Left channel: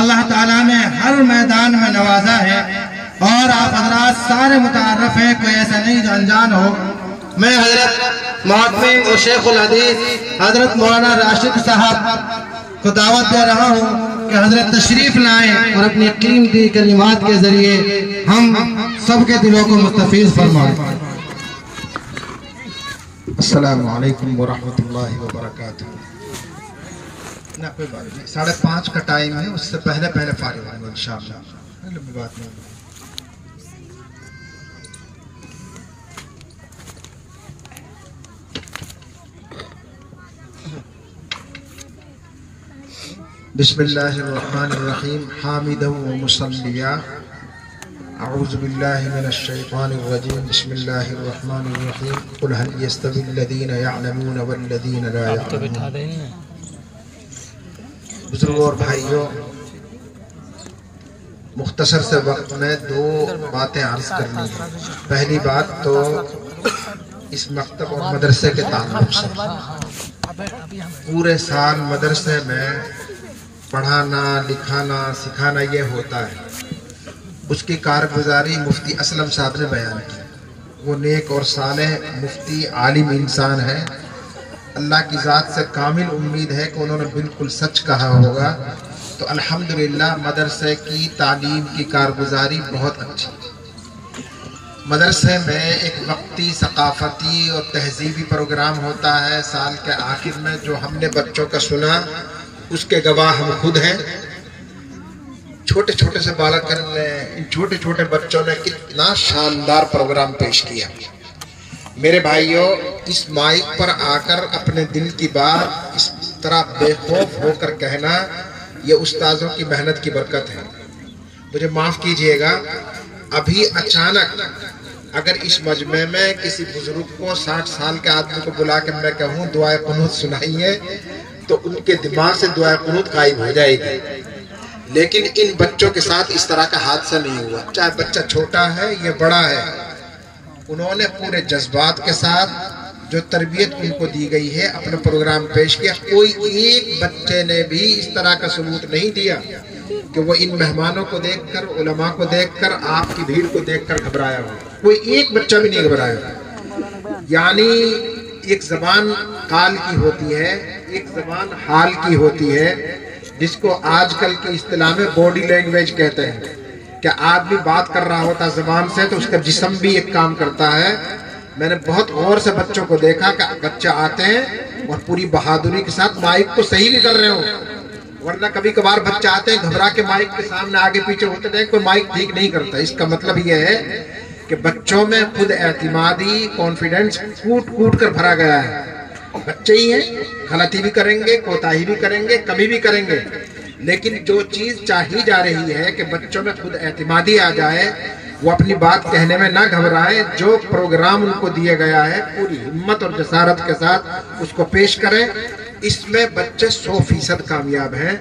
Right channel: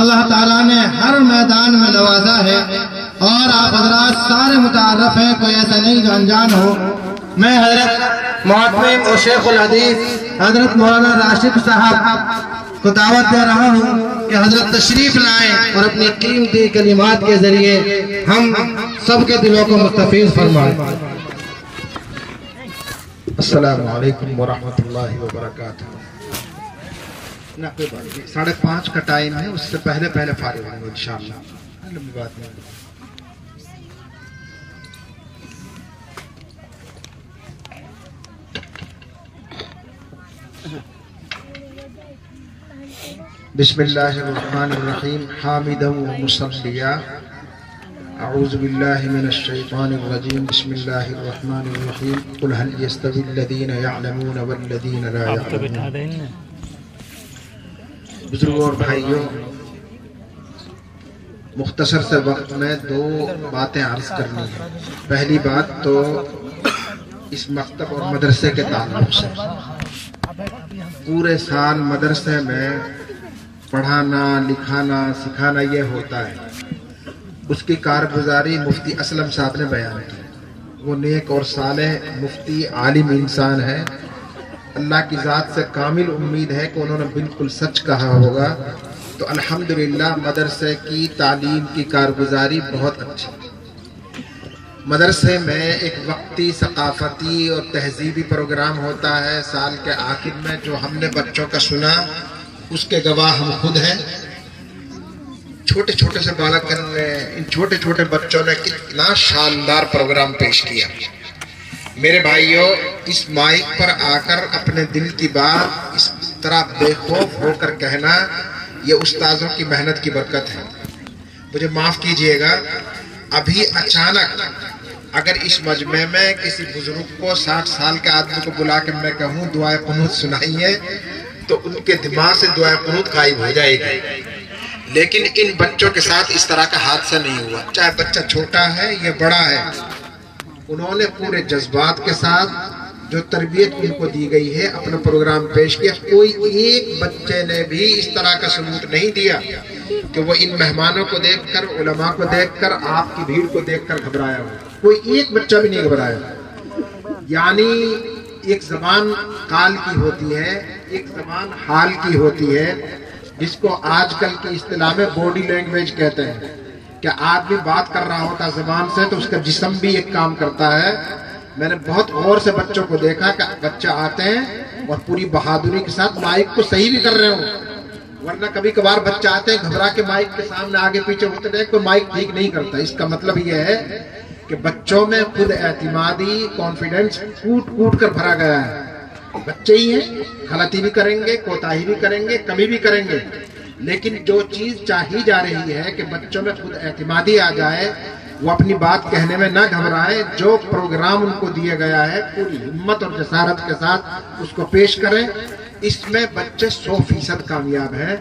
اللہ تعالیٰ نے ہر میدان میں نوازا ہے، اور آپ حضرات سارے متعارف ہیں، کوئی ایسا نہیں جو انجان ہو۔ میں حضرت محتمم اور شیخ الحدیث حضرت مولانا راشد صاحب کو دعوت دے رہا ہوں کہ حضرت تشریف لائیں اور اپنی قیمتی کلمات کے ذریعے ہم سب کے دلوں کو مستفیض فرمائیں۔ السلام علیکم ورحمۃ اللہ وبرکاتہ۔ 5:30 کا ٹائم ہے، اس سے پہلے فارغ ہوں گے انشاءاللہ، لمبی بات نہیں۔ بسم اللہ الرحمن الرحیم، حامدا و مصلیا، اعوذ باللہ من الشیطان الرجیم، بسم اللہ الرحمن الرحیم، قل هل يستوي الذین یعلمون والذین لا یعلمون۔ بزرگوں اور بھائیوں، مختصر سے وقت میں 2 باتیں عرض کرنی ہیں۔ پہلی بات تو اس مکتب اور مدرسے کے تعلق سے، پورے سال مدرسے میں پڑھانا، لکھانا، سکھانا یہ ہوتا ہے۔ اس کی کارگزاری مفتی اسلم صاحب نے بیان کی۔ وہ نیک اور صالح مفتی عالم انسان ہے، اللہ کی ذات سے کامل امید ہے کہ انہوں نے بالکل سچ کہا ہوگا۔ تو الحمدللہ مدرسے کی تعلیم کی کارگزاری بہت اچھی۔ مدرسے میں ایک وقتی ثقافتی اور تہذیبی پروگرام ہوتا ہے سال کے آخر میں، جو ہم نے بچوں کا سنا اس کے گواہ ہم خود ہیں۔ چھوٹے چھوٹے سے بالکن نے، ان چھوٹے چھوٹے بچوں نے کتنا شاندار پروگرام پیش کیا۔ میرے بھائیوں، اس مائک پر آ کر اپنے دل کی بات اس طرح بے خوف ہو کر کہنا، یہ استاذوں کی محنت کی برکت ہے۔ مجھے معاف کیجئے گا، ابھی اچانک اگر اس مجمع میں کسی بزرگ کو 60 سال کے آدمی کو بلا کے میں کہوں دعائے قنوت سنائیے تو ان کے دماغ سے دعائے قنوت غائب ہو جائے گی، لیکن ان بچوں کے ساتھ اس طرح کا حادثہ نہیں ہوا۔ چاہے بچہ چھوٹا ہے یا بڑا ہے، انہوں نے پورے جذبات کے ساتھ جو تربیت ان کو دی گئی ہے اپنا پروگرام پیش کیا۔ کوئی ایک بچے نے بھی اس طرح کا ثبوت نہیں دیا کہ وہ ان مہمانوں کو دیکھ کر، علماء کو دیکھ کر، آپ کی بھیڑ کو دیکھ کر گھبرایا ہو۔ کوئی ایک بچہ بھی نہیں گھبرایا۔ یعنی ایک زبان قال کی ہوتی ہے، ایک زبان حال کی ہوتی ہے، جس کو آج کل کی اصطلاح میں باڈی لینگویج کہتے ہیں، کہ آدمی بات کر رہا ہوتا زبان سے تو اس کا جسم بھی ایک کام کرتا ہے۔ میں نے بہت غور سے بچوں کو دیکھا کہ بچے آتے ہیں اور پوری بہادری کے ساتھ مائک کو صحیح بھی کر رہے ہوں، ورنہ کبھی کبھار بچے آتے ہیں گھبرا کے مائک کے سامنے آگے پیچھے ہوتے ہیں، کوئی مائک ٹھیک نہیں کرتا۔ اس کا مطلب یہ ہے کہ بچوں میں خود اعتمادی، کانفیڈنس کوٹ کوٹ کر بھرا گیا ہے۔ بچے ہی ہیں، غلطی بھی کریں گے، کوتاہی بھی کریں گے، کمی بھی کریں گے، لیکن جو چیز چاہی جا رہی ہے کہ بچوں میں خود اعتمادی آ جائے، وہ اپنی بات کہنے میں نہ گھبرائیں، جو پروگرام ان کو دیا گیا ہے پوری ہمت اور جسارت کے ساتھ اس کو پیش کریں۔ اس میں بچے 100% کامیاب ہیں۔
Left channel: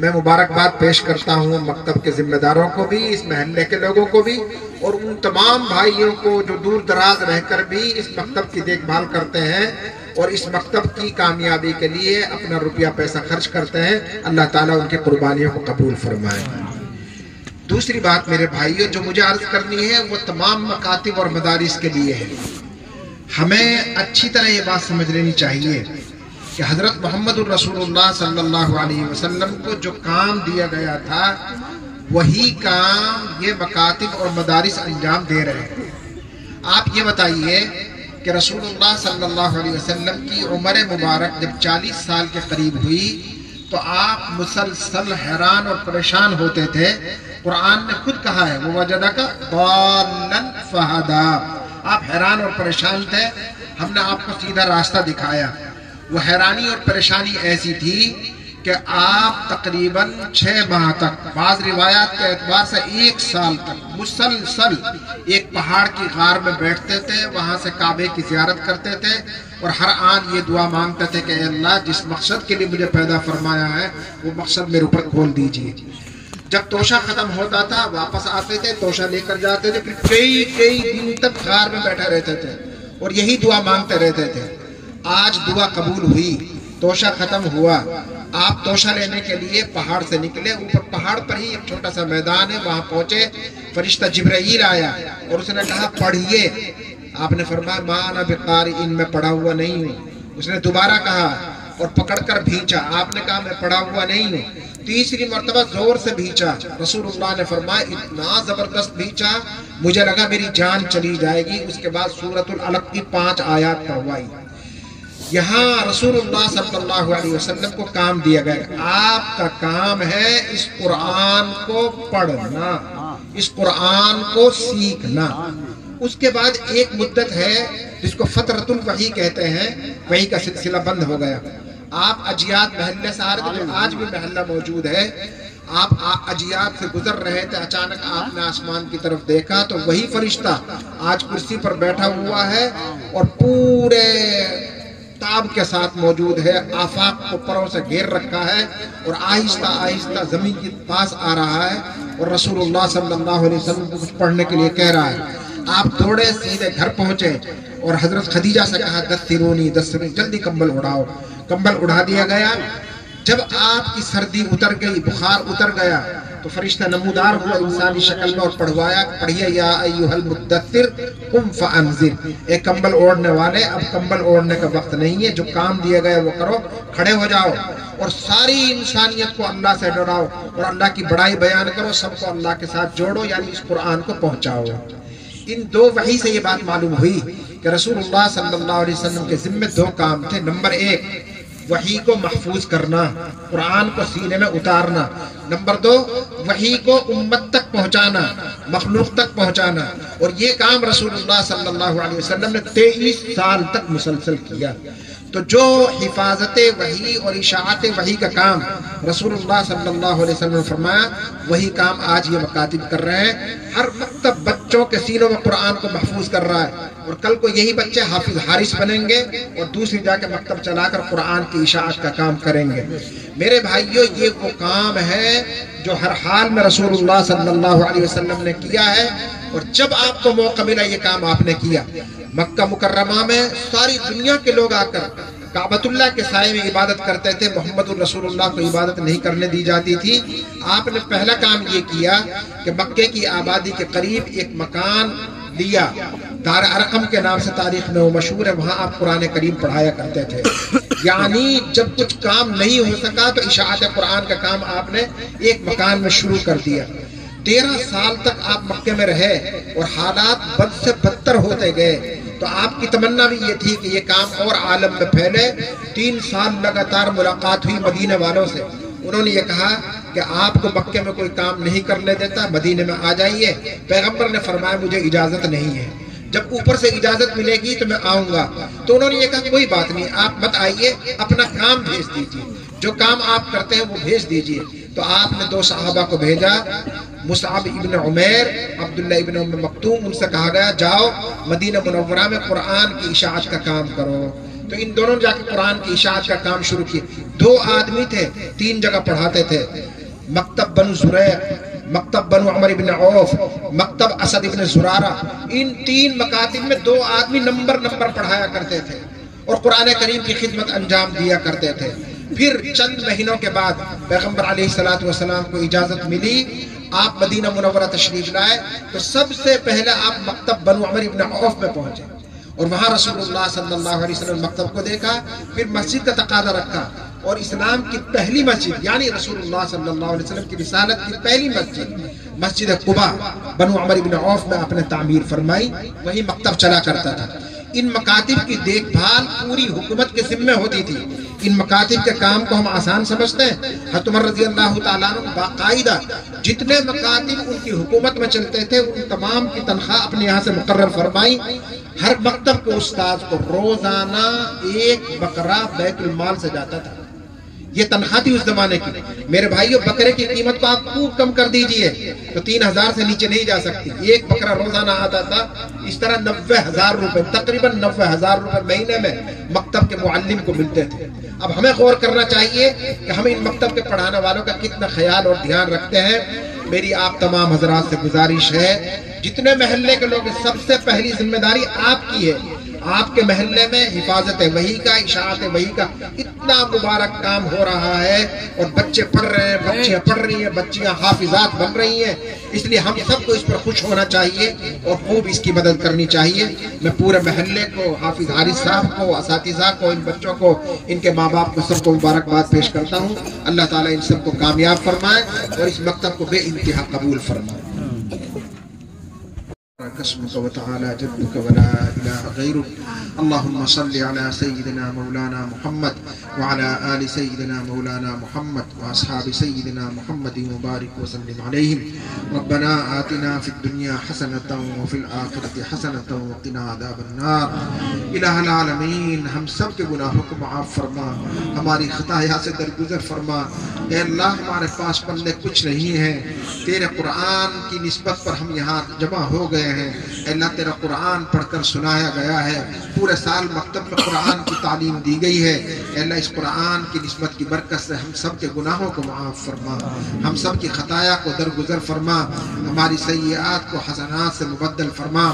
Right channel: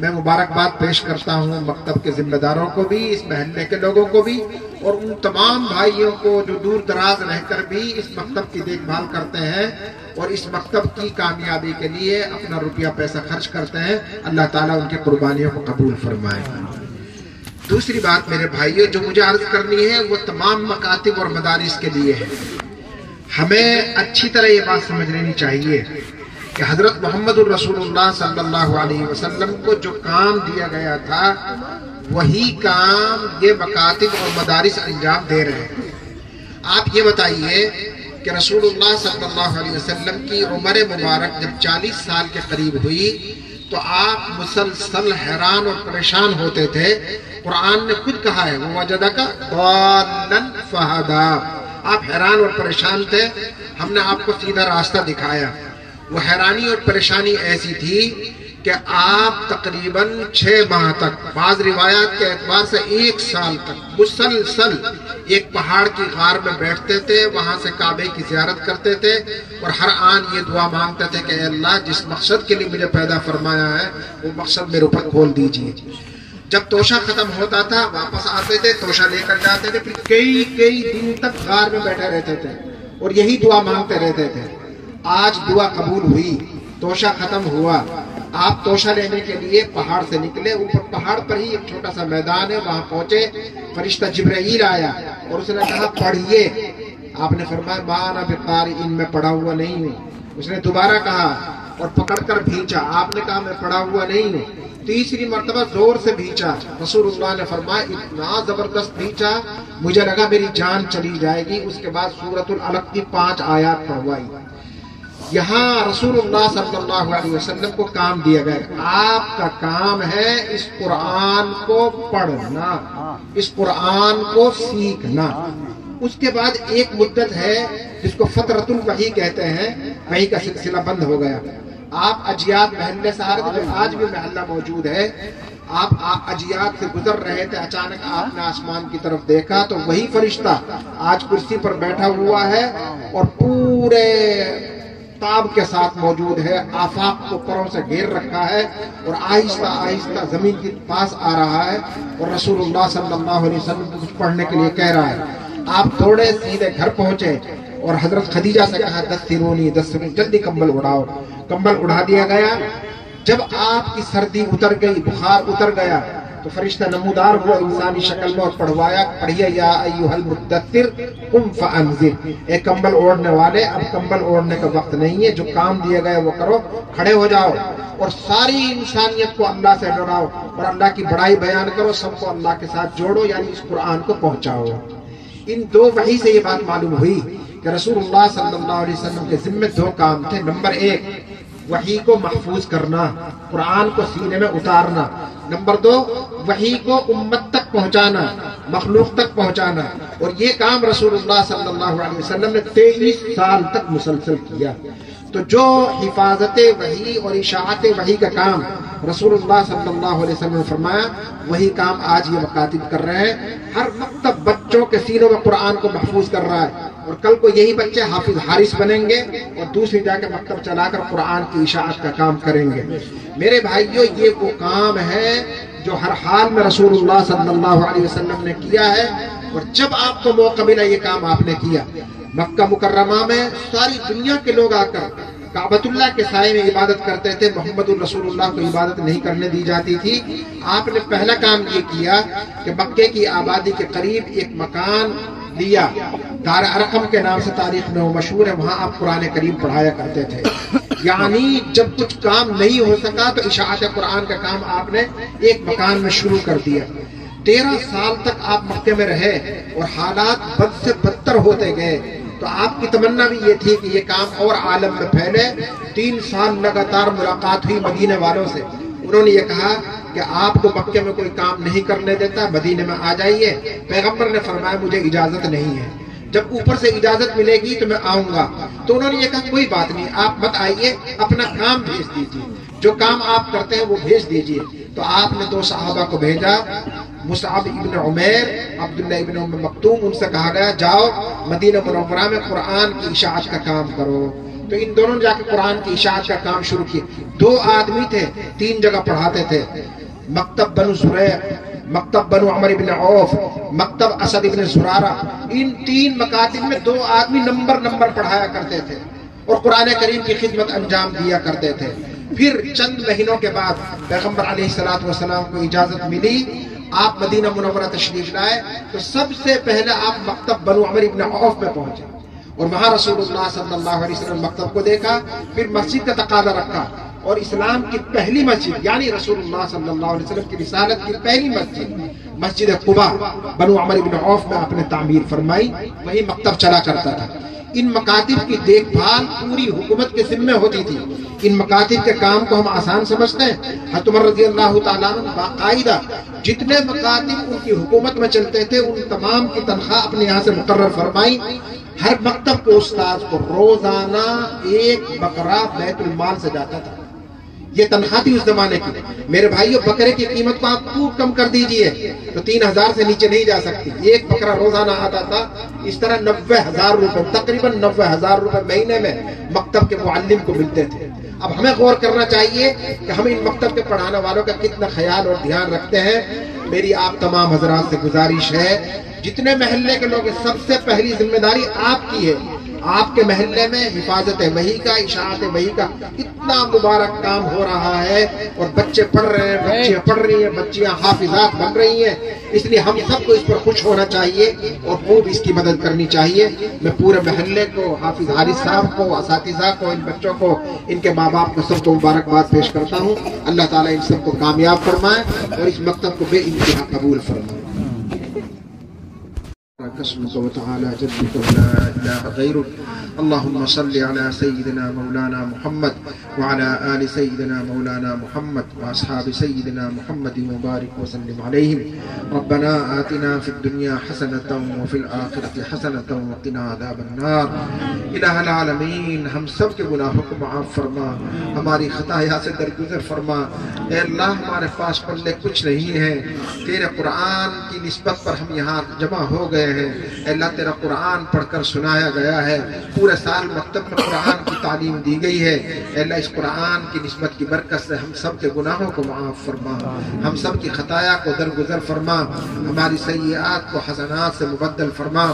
میں مبارکباد پیش کرتا ہوں مکتب کے ذمہ داروں کو بھی، اس محلے کے لوگوں کو بھی، اور ان تمام بھائیوں کو جو دور دراز رہ کر بھی اس مکتب کی دیکھ بھال کرتے ہیں اور اس مکتب کی کامیابی کے لیے اپنا روپیہ پیسہ خرچ کرتے ہیں۔ اللہ تعالیٰ ان کی قربانیوں کو قبول فرمائے۔ دوسری بات میرے بھائیوں جو مجھے عرض کرنی ہے وہ تمام مکاتب اور مدارس کے لیے ہے۔ ہمیں اچھی طرح یہ بات سمجھ لینی چاہیے کہ حضرت محمد الرسول اللہ صلی اللہ علیہ وسلم کو جو کام دیا گیا تھا وہی کام یہ مکاتب اور مدارس انجام دے رہے ہیں۔ آپ یہ بتائیے کہ رسول اللہ صلی اللہ علیہ وسلم کی عمر مبارک جب 40 سال کے قریب ہوئی تو آپ مسلسل حیران اور پریشان ہوتے تھے۔ قرآن نے خود کہا ہے وَوَجَدَكَ ضَالًّا فَهَدَىٰ، آپ حیران اور پریشان تھے، ہم نے آپ کو سیدھا راستہ دکھایا۔ وہ حیرانی اور پریشانی ایسی تھی کہ آپ تقریباً 6 ماہ تک، بعض روایات کے اعتبار سے 1 سال تک مسلسل ایک پہاڑ کی غار میں بیٹھتے تھے، وہاں سے کعبے کی زیارت کرتے تھے اور ہر آن یہ دعا مانگتے تھے کہ اے اللہ جس مقصد کے لیے مجھے پیدا فرمایا ہے وہ مقصد میرے اوپر کھول دیجیے۔ جب توشہ ختم ہوتا تھا واپس آتے تھے، توشہ لے کر جاتے تھے، پھر کئی دن تک غار میں بیٹھے رہتے تھے اور یہی دعا مانگتے رہتے تھے۔ آج دعا قبول ہوئی، توشہ ختم ہوا، آپ توشہ لینے کے لیے پہاڑ سے نکلے. اوپر پہاڑ پر ہی ایک چھوٹا سا میدان ہے, وہاں پہنچے. فرشتہ جبرائیل آیا اور اس نے کہا پڑھیے. آپ نے فرمایا ما انا بقارئ, میں پڑھا ہوا نہیں ہوں. اس نے دوبارہ کہا اور پکڑ کر بھینچا. آپ نے کہا میں پڑھا ہوا نہیں ہوں. تیسری مرتبہ زور سے بھینچا. رسول اللہ نے فرمایا اتنا زبردست بھینچا مجھے لگا میری جان چلی جائے گی. اس کے بعد سورۃ العلق کی 5 آیات پڑھوائی. یہاں رسول اللہ صلی اللہ علیہ وسلم کو کام دیا گیا, آپ کا کام ہے اس قرآن کو پڑھنا, اس قرآن کو سیکھنا. اس کے بعد ایک مدت ہے جس کو فترۃ الوحی کہتے ہیں, وحی کا سلسلہ بند ہو گیا. آپ اجیاد محلے سے آ رہے تھے, جو آج بھی محلہ موجود ہے. آپ اجیاد سے گزر رہے تھے, اچانک آپ نے آسمان کی طرف دیکھا تو وہی فرشتہ آج کرسی پر بیٹھا ہوا ہے اور پورے تاب کے ساتھ موجود ہے. آفاق کو پروں سے گھیر رکھا ہے اور آہستہ آہستہ زمین کے پاس آ رہا ہے اور رسول اللہ صلی اللہ علیہ وسلم کو کچھ پڑھنے کے لیے کہہ رہا ہے. آپ دوڑے سیدھے گھر پہنچے اور حضرت خدیجہ سے کہا دسترونی, جلدی کمبل اڑاؤ. کمبل اڑا دیا گیا. جب آپ کی سردی اتر گئی, بخار اتر گیا, تو فرشتہ نمودار ہوا انسانی شکل میں اور پڑھوایا, پڑھیے یا ایھا المدثر قم فانذر. اے کمبل اوڑھنے والے, اب کمبل اوڑھنے کا وقت نہیں ہے, جو کام دیا گیا وہ کرو, کھڑے ہو جاؤ اور ساری انسانیت کو اللہ سے ڈراؤ اور اللہ کی بڑائی بیان کرو, سب کو اللہ کے ساتھ جوڑو, یعنی اس قرآن کو پہنچاؤ. ان 2 وحی سے یہ بات معلوم ہوئی کہ رسول اللہ صلی اللہ علیہ وسلم کے ذمہ 2 کام تھے. نمبر 1 وحی کو محفوظ کرنا, قرآن کو سینے میں اتارنا. نمبر 2 وحی کو امت تک پہنچانا, مخلوق تک پہنچانا. اور یہ کام رسول اللہ صلی اللہ علیہ وسلم نے 23 سال تک مسلسل کیا. تو جو حفاظت وحی اور اشاعت وحی کا کام رسول اللہ صلی اللہ علیہ وسلم نے فرمایا, وہی کام آج یہ مکاتب کر رہے ہیں. ہر مکتب بچوں کے سینوں میں قرآن کو محفوظ کر رہا ہے اور کل کو یہی بچے حافظ حارث بنیں گے اور دوسری جا کے مکتب چلا کر قرآن کی اشاعت کا کام کریں گے. میرے بھائیوں, یہ وہ کام ہے جو ہر حال میں رسول اللہ صلی اللہ علیہ وسلم نے کیا ہے. اور جب آپ کو موقع ملا یہ کام آپ نے کیا. مکہ مکرمہ میں ساری دنیا کے لوگ آ کر کعبۃ اللہ کے سائے میں عبادت کرتے تھے. محمد الرسول اللہ کو عبادت نہیں کرنے دی جاتی تھی. آپ نے پہلا کام یہ کیا کہ مکے کی آبادی کے قریب ایک مکان لیا, دار ارقم کے نام سے تاریخ میں وہ مشہور ہے. وہاں آپ قرآن کریم پڑھایا کرتے تھے. یعنی جب کچھ کام نہیں ہو سکا تو اشاعت قرآن کا کام آپ نے ایک مکان میں شروع کر دیا. 13 سال تک آپ مکے میں رہے اور حالات بد سے بدتر ہوتے گئے. تو آپ کی تمنا بھی یہ تھی کہ یہ کام اور عالم میں پھیلے. 3 سال لگاتار ملاقات ہوئی مدینے والوں سے. انہوں نے یہ کہا کہ آپ کو مکے میں کوئی کام نہیں کرنے دیتا, مدینے میں آ جائیے. پیغمبر نے فرمایا مجھے اجازت نہیں ہے, جب اوپر سے اجازت ملے گی تو میں آؤں گا. تو انہوں نے یہ کہا کوئی بات نہیں, آپ مت آئیے, اپنا کام بھیج دیجیے, جو کام آپ کرتے ہیں وہ بھیج دیجیے. تو آپ نے 2 صحابہ کو بھیجا, مصعب ابن عمیر, عبداللہ ابن ام مکتوم. ان سے کہا گیا جاؤ مدینہ منورہ میں قرآن کی اشاعت کا کام کرو. تو ان دونوں نے جا کے قرآن کی اشاعت کا کام شروع کیا. 2 آدمی تھے, 3 جگہ پڑھاتے تھے. مکتب بنو زریع, مکتب بنو عمر بن عوف, مکتب اسد ابن زرارہ. ان 3 مکاتب میں 2 آدمی نمبر پڑھایا کرتے تھے اور قرآن کریم کی خدمت انجام دیا کرتے تھے. پھر چند مہینوں کے بعد پیغمبر علیہ الصلوۃ والسلام کو اجازت ملی, آپ مدینہ منورہ تشریف لائے. تو سب سے پہلے آپ مکتب بنو عمر بن عوف میں پہنچے اور وہاں رسول اللہ صلی اللہ علیہ وسلم مکتب کو دیکھا. پھر مسجد کا تقاضا رکھا اور اسلام کی پہلی مسجد یعنی رسول اللہ صلی اللہ علیہ وسلم کی رسالت کی پہلی مسجد مسجد قباء بنو عمر بن عوف میں آپ نے تعمیر فرمائی. وہی مکتب چلا کرتا تھا. ان مکاتب کی دیکھ بھال پوری حکومت کے ذمہ ہوتی تھی. ان مکاتب کے کام کو ہم آسان سمجھتے ہیں. حضرت عمر رضی اللہ تعالیٰ عنہ باقاعدہ جتنے مکاتب ان کی حکومت میں چلتے تھے ان تمام کی تنخواہ اپنے یہاں سے مقرر فرمائی. ہر مکتب کے استاذ کو روزانہ 1 بکرا بیت المال سے جاتا تھا. یہ تنخواہ تھی اس زمانے کی. میرے بھائیوں, بکرے کی قیمت کو آپ خوب کم کر دیجئے تو 3000 سے نیچے نہیں جا سکتی. 1 بکرا روزانہ آتا تھا. اس طرح 90,000 روپے, تقریباً 90,000 روپے مہینے میں مکتب کے معلم کو ملتے تھے. اب ہمیں غور کرنا چاہیے کہ ہم ان مکتب کے پڑھانے والوں کا کتنا خیال اور دھیان رکھتے ہیں. میری آپ تمام حضرات سے گزارش ہے, جتنے محلے کے لوگ, سب سے پہلی ذمہ داری آپ کی ہے آپ کے محلے میں حفاظت وحی کا، اشاعت وحی کا اتنا مبارک کام ہو رہا ہے، اور بچے پڑھ رہے ہیں، بچیاں پڑھ رہی ہیں، بچیاں حافظات بن رہی ہیں، اس لیے ہم سب کو اس پر خوش ہونا چاہیے اور خوب اس کی مدد کرنی چاہیے۔ میں پورے محلے کو، حافظ حارث صاحب کو، اساتذہ کو، ان بچوں کو، ان کے ماں باپ کو سب کو مبارکباد پیش کرتا ہوں۔ اللہ تعالیٰ ان سب کو کامیاب فرمائے اور اس مکتب کو بے انتہا قبول فرمائے۔ قسمك وتعالى جدك ولا إله غيرك اللهم صل على سيدنا مولانا محمد وعلى آل سيدنا مولانا محمد وأصحاب سيدنا محمد وبارك وسلم عليهم ربنا آتنا في الدنيا حسنة وفي الآخرة حسنة وقنا عذاب النار۔ الہ العالمین ہم سب کے گناہوں کو معاف فرما، ہماری خطایا سے درگزر فرما۔ اے اللہ ہمارے پاس پلے کچھ نہیں ہے، تیرے قرآن کی نسبت پر ہم یہاں جمع ہو گئے ہیں۔ اے اللہ تیرا قرآن پڑھ کر سنایا گیا ہے، پورے سال مکتب میں قرآن کی تعلیم دی گئی ہے۔ اے اللہ اس قرآن کی نسبت کی برکت سے ہم سب کے گناہوں کو معاف فرما، ہم سب کی خطایا کو درگزر فرما، ہماری سیئات کو حسنات سے مبدل فرما۔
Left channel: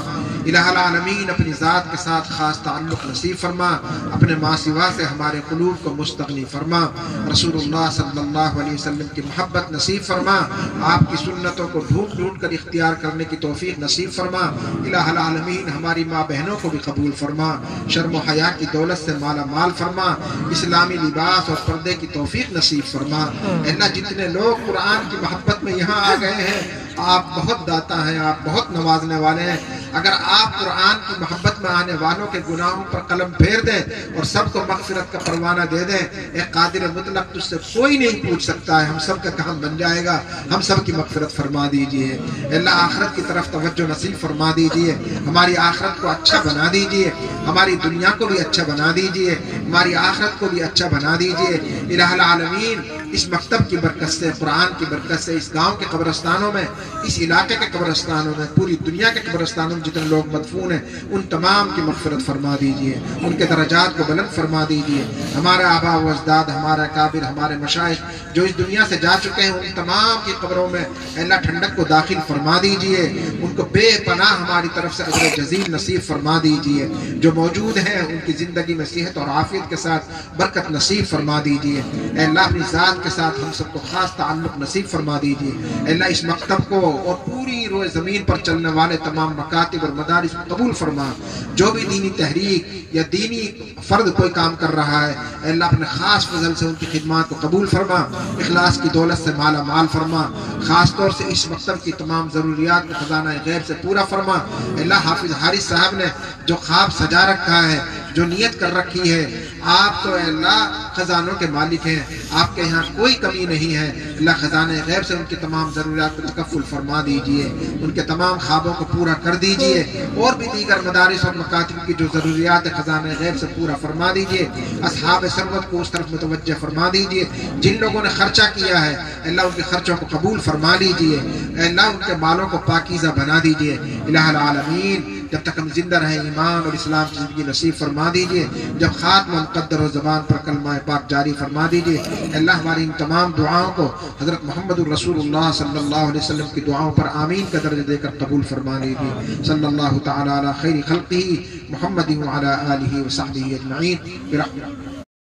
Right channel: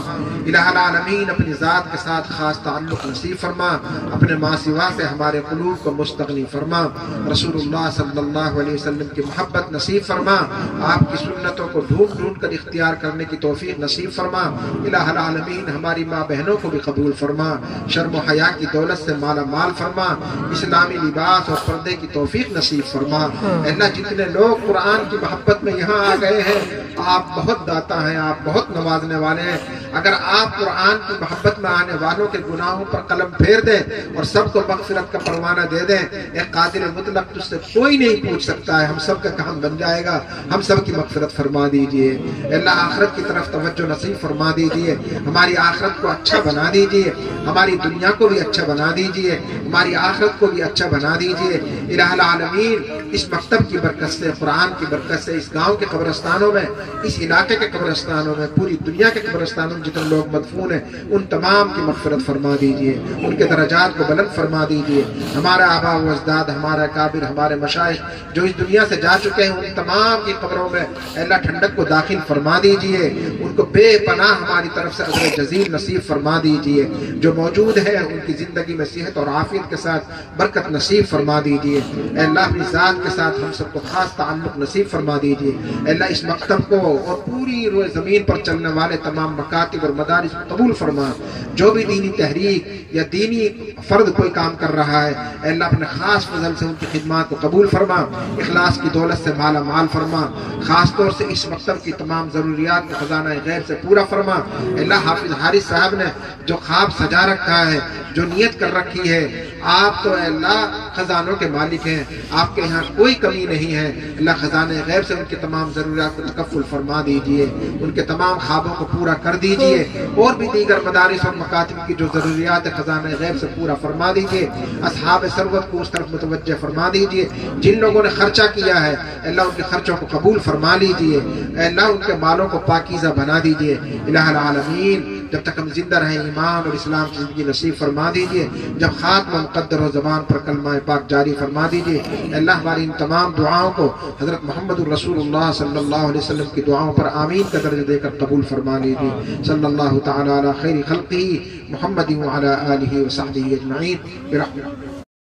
الہ العالمین اپنی ذات کے ساتھ خاص تعلق نصیب فرما، اپنے ما سوا سے ہمارے قلوب کو مستغنی فرما، رسول اللہ صلی اللہ علیہ وسلم کی محبت نصیب فرما، آپ کی سنتوں کو ڈھونڈ ڈھونڈ کر اختیار کرنے کی توفیق نصیب فرما۔ الہ العالمین ہماری ماں بہنوں کو بھی قبول فرما، شرم و حیا کی دولت سے مالا مال فرما، اسلامی لباس اور پردے کی توفیق نصیب فرما۔ اے اللہ جتنے لوگ قرآن کی محبت میں یہاں آ گئے ہیں، آپ بہت داتا ہیں، آپ بہت نوازنے والے ہیں۔ اگر آپ قرآن کی محبت میں آنے والوں کے گناہوں پر قلم پھیر دیں اور سب کو مغفرت کا پروانہ دے دیں، اے قادر مطلق تجھ سے کوئی نہیں پوچھ سکتا ہے، ہم سب کا کام بن جائے گا۔ ہم سب کی مغفرت فرما دیجئے، اے اللہ آخرت کی طرف توجہ نصیب فرما دیجئے، ہماری آخرت کو اچھا بنا دیجئے، ہماری دنیا کو بھی اچھا بنا دیجئے، ہماری آخرت کو بھی اچھا بنا دیجئے۔ الہ العالمین اس مکتب کی برکت سے، قرآن کی برکت سے، اس گاؤں کے قبرستانوں میں، اس علاقے کے قبرستانوں میں، پوری دنیا کے قبرستانوں میں جتنے لوگ مدفون ہیں ان تمام کی مغفرت فرما دیجئے، ان کے درجات کو بلند فرما دیجئے۔ ہمارا آبا و اجداد، ہمارا کابر، ہمارے مشائخ جو اس دنیا سے جا چکے ہیں ان تمام کی قبروں میں اللہ ٹھنڈک کو داخل فرما دیجئے، ان کو بے پناہ ہماری طرف سے اجر جزیل نصیب فرما دیجئے، جو موجود ہیں ان کی زندگی میں صحت اور عافیت کے ساتھ برکت نصیب فرما دیجئے۔ اے اللہ اپنی ذات کے ساتھ ہم سب کو خاص تعلق نصیب فرما دیجئے۔ اے اللہ اس مکتب کو اور پوری روئے زمین پر چلنے والے تمام مکاتب اور مدارس قبول فرما۔ جو بھی دینی تحریک یا دینی فرد کوئی کام کر رہا ہے، اے اللہ اپنے خاص فضل سے ان کی خدمات کو قبول فرما، اخلاص کی دولت سے مالا مال فرما، خاص طور سے اس مکتب کی تمام ضروریات کو خزانہ غیب سے پورا فرما۔ اے اللہ حافظ حارث صاحب نے جو خواب سجا رکھا ہے، جو نیت کر رکھی ہے، آپ تو اے اللہ خزانوں کے مالک ہیں، آپ کے یہاں کوئی کمی نہیں ہے۔ اللہ خزانے غیب سے ان کی تمام ضروریات کو تکفل فرما دیجئے، ان کے تمام خوابوں کو پورا کر دیجئے، اور بھی دیگر مدارس اور مکاتب کی جو ضروریات خزانے غیب سے پورا فرما دیجئے۔ اصحاب ثروت کو اس طرف متوجہ فرما دیجئے، جن لوگوں نے خرچہ کیا ہے اللہ ان کے خرچوں کو قبول فرما لیجئے، اے اللہ ان کے مالوں کو پاکیزہ بنا دیجئے۔ الہ العالمین جب تک ہم زندہ رہیں ایمان اور اسلام کی زندگی نصیب فرما دیجئے، جب خاتمہ مقدر و زبان پر کلمہ پاک جاری فرما دیجئے۔ اللہ ہماری ان تمام دعاؤں کو حضرت محمد الرسول اللہ صلی اللہ علیہ وسلم کی دعاؤں پر آمین کا درجہ دے کر قبول فرما لیجئے۔ صلی اللہ تعالی علی خیر خلقہ محمد وعلی آلہ وصحبہ اجمعین برحمتہ۔